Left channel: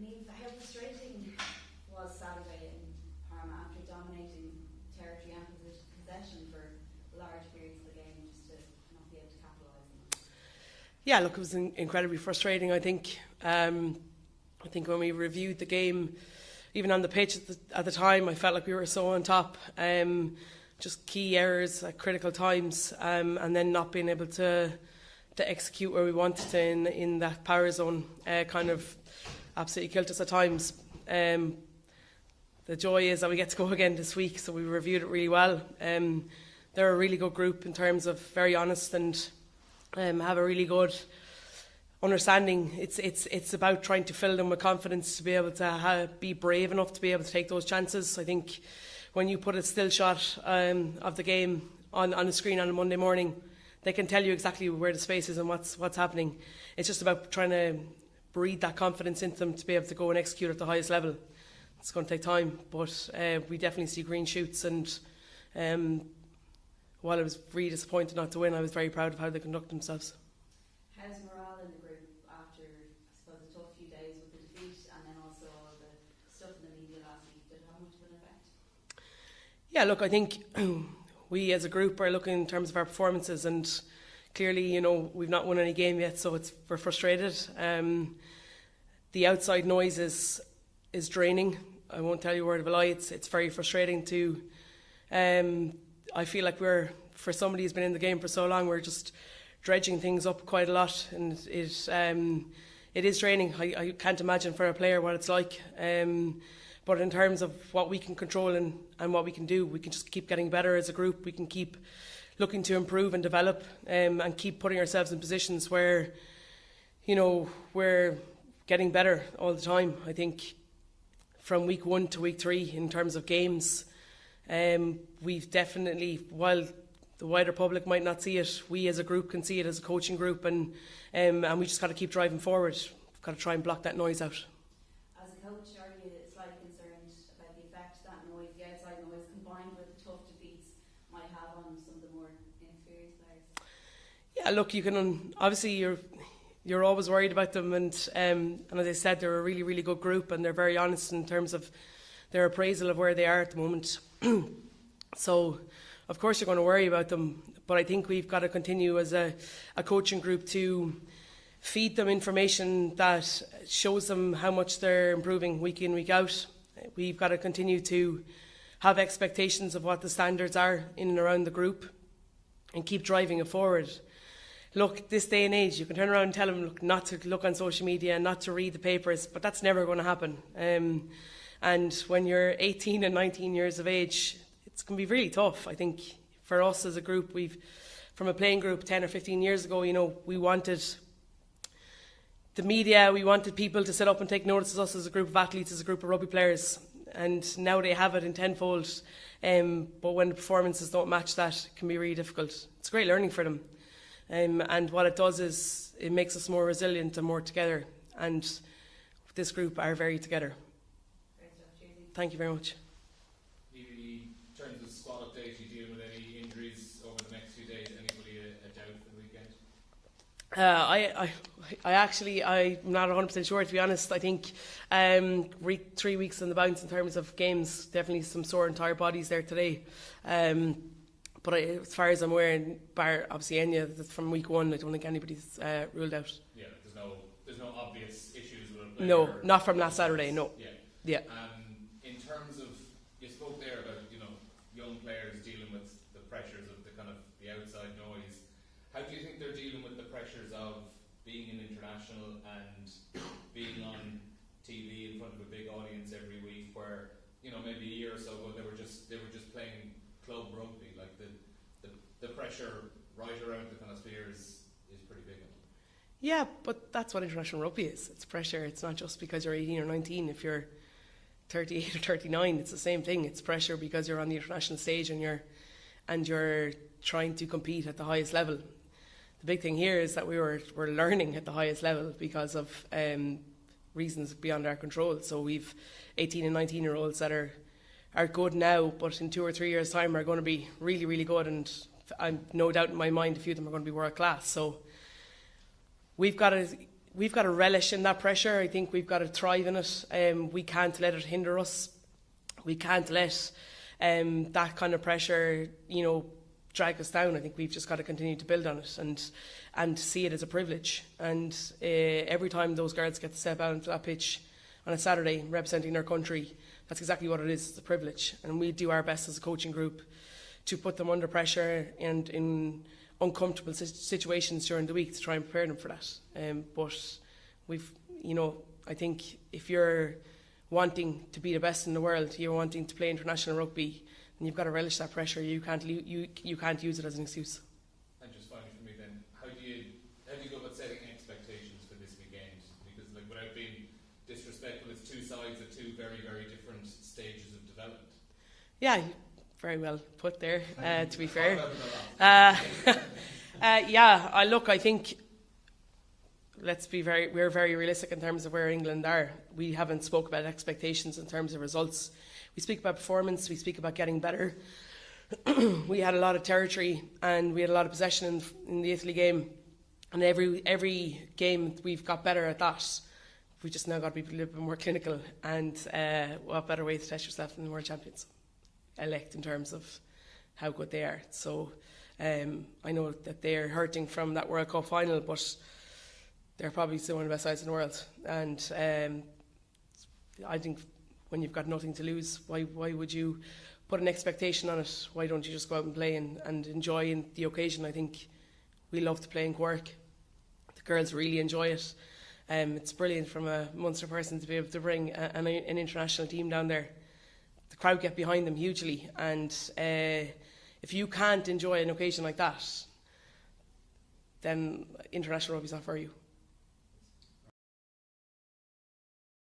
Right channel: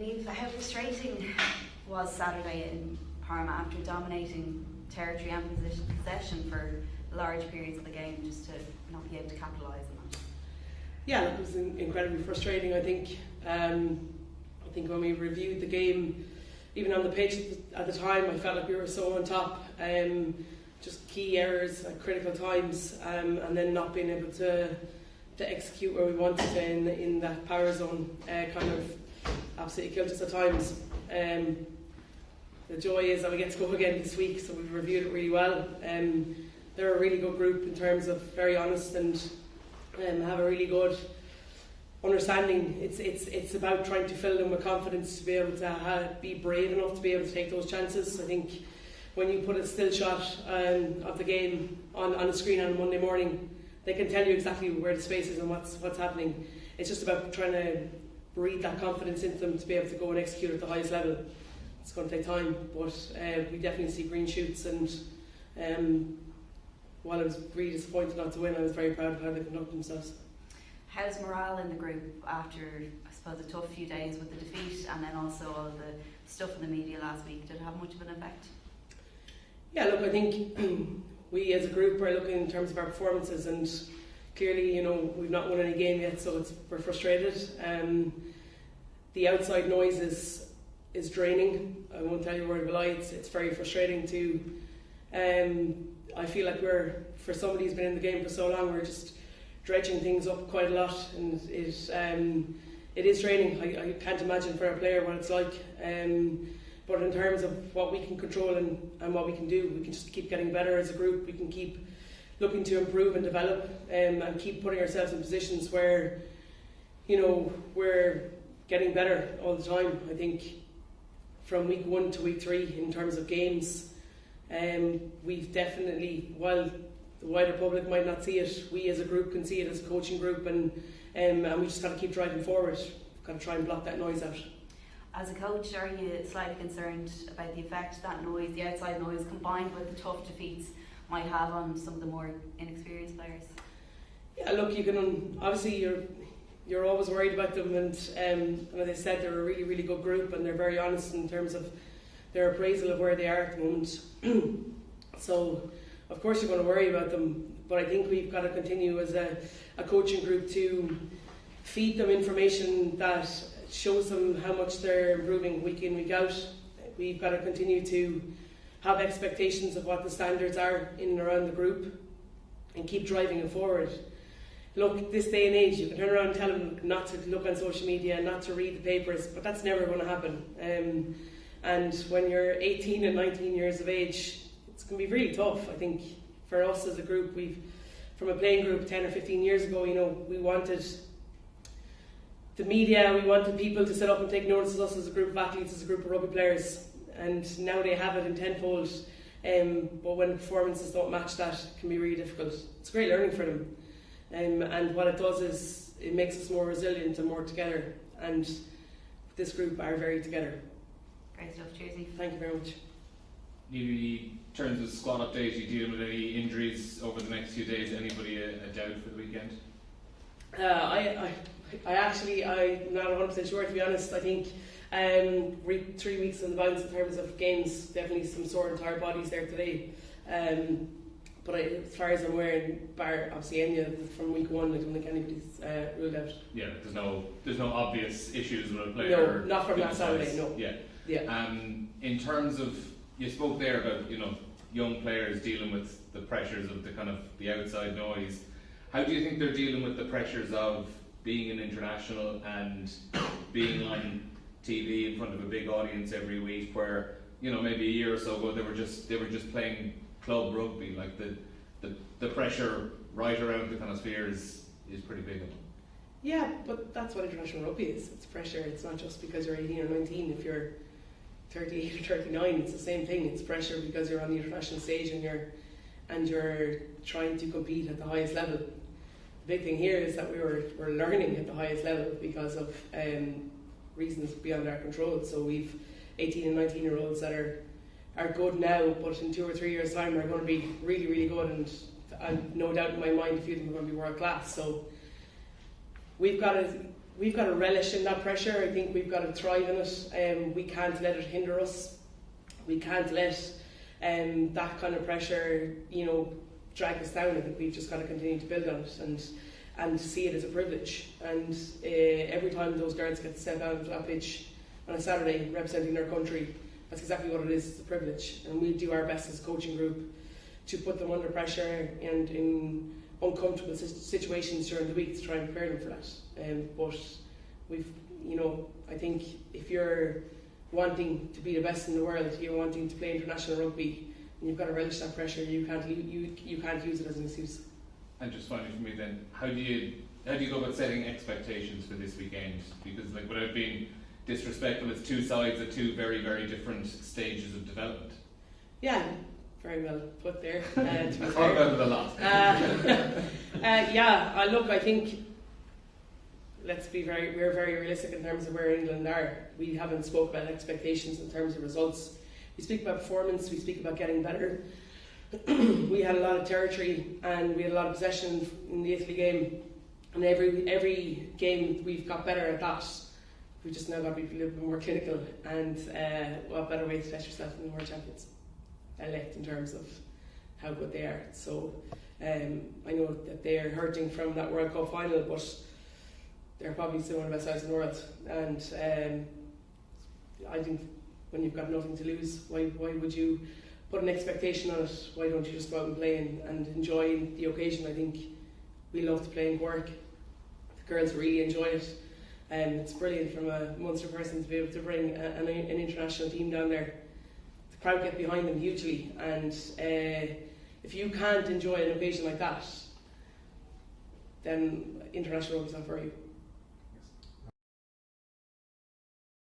Niamh, how frustrating was Saturday in Parma after dominating territory and possession for large periods of the game, just to not be able to capitalise on that? Yeah, look, it was incredibly frustrating. I think when we reviewed the game, even on the pitch at the time, I felt like we were so on top. Just key errors at critical times, and then not being able to execute where we wanted to in that power zone kind of absolutely killed us at times. The joy is that we get to go again this week, so we reviewed it really well. They're a really good group in terms of very honest and have a really good understanding. It's about trying to fill them with confidence to be able to be brave enough to be able to take those chances. I think when you put a still shot of the game on a screen on a Monday morning, they can tell you exactly where the space is and what's happening. It's just about trying to breathe that confidence into them to be able to go and execute at the highest level. It's going to take time, but we definitely see green shoots, and while I was really disappointed not to win, I was very proud of how they conducted themselves. How's morale in the group after, I suppose, a tough few days with the defeat and then also all the stuff in the media last week? Did it have much of an effect? Yeah, look, I think we as a group are looking in terms of our performances, and clearly, we've not won any game yet, so we're frustrated. The outside noise is draining. I won't tell you a word of a lie. It's very frustrating to. I feel like for somebody who's been in the game for so long, we're just dredging things up quite a lot, and it is draining. I can't imagine for a player what it's like. But in terms of what we can control and what we can do, we can just keep getting better as a group. We can keep looking to improve and develop, and keep putting ourselves in positions where, we're getting better all the time. I think from week 1 to week 3, in terms of games, we've definitely, while the wider public might not see it, we as a group can see it as a coaching group, and we just got to keep driving forward. We've got to try and block that noise out. As a coach, are you slightly concerned about the effect that noise, the outside noise, combined with the tough defeats, might have on some of the more inexperienced players? Yeah, look, you can obviously you're always worried about them, and as I said, they're a really, really good group, and they're very honest in terms of their appraisal of where they are at the moment. So, of course, you're going to worry about them, but I think we've got to continue as a coaching group to feed them information that shows them how much they're improving week in, week out. We've got to continue to have expectations of what the standards are in and around the group and keep driving it forward. Look, this day and age, you can turn around and tell them not to look on social media and not to read the papers, but that's never going to happen. And when you're 18 and 19 years of age, it's going to be really tough. I think for us as a group, from a playing group 10 or 15 years ago, we wanted the media, we wanted people to sit up and take notice of us as a group of athletes, as a group of rugby players, and now they have it in tenfold. But when the performances don't match that, it can be really difficult. It's great learning for them, and what it does is it makes us more resilient and more together, and this group are very together. Great stuff, Cheersy. Thank you very much. In terms of squad update, are you dealing with any injuries over the next few days? Anybody a doubt for the weekend? I'm not 100% sure, to be honest. I think 3 weeks in the bounce in terms of games, definitely some sore and tired bodies there today. But as far as I'm aware, bar obviously Enya from week 1, I don't think anybody's ruled out. Yeah, there's no obvious issues with a player. No, not from last Saturday. No. Yeah. In terms of, you spoke there about young players dealing with the pressures of the outside noise. How do you think they're dealing with the pressures of being an international and being on TV in front of a big audience every week, where maybe a year or so ago they were just playing club rugby? Like the pressure right around the kind of sphere is pretty big. Yeah, but that's what international rugby is. It's pressure. It's not just because you're 18 or 19. If you're 38 or 39, it's the same thing. It's pressure because you're on the international stage and you're trying to compete at the highest level. The big thing here is that we're learning at the highest level because of reasons beyond our control. So we've 18 and 19 year olds that are good now, but in 2 or 3 years' time are going to be really, really good, and no doubt in my mind a few of them are going to be world class. So we've got to we've got to relish in that pressure. I think we've got to thrive in it. We can't let it hinder us. We can't let that kind of pressure, drag us down. I think we've just got to continue to build on it and see it as a privilege. And every time those girls get to step out onto that pitch on a Saturday representing their country, that's exactly what it is. It's a privilege. And we do our best as a coaching group to put them under pressure and in uncomfortable situations during the week to try and prepare them for that. But we've, I think if you're wanting to be the best in the world, you're wanting to play international rugby, and you've got to relish that pressure. You can't use it as an excuse. And just finally for me then, how do you go about setting expectations for this weekend? Because without being disrespectful, it's two sides at two very, very different stages of development. Yeah, very well put there, to be I fair. thought about it a lot. Look, I think we're very realistic in terms of where England are. We haven't spoke about expectations in terms of results. We speak about performance, we speak about getting better. We had a lot of territory and we had a lot of possession in the Italy game, and every game we've got better at that. We just now got to be a little bit more clinical, and what better way to test yourself than the world champions elect in terms of how good they are. So I know that they're hurting from that World Cup final, but they're probably still one of the best sides in the world. And I think when you've got nothing to lose, why would you put an expectation on it? Why don't you just go out and play and enjoy the occasion? I think we love to play in Cork. The girls really enjoy it. It's brilliant from a Munster person to be able to bring an international team down there. The crowd get behind them hugely, and if you can't enjoy an occasion like that, then international rugby's not for you.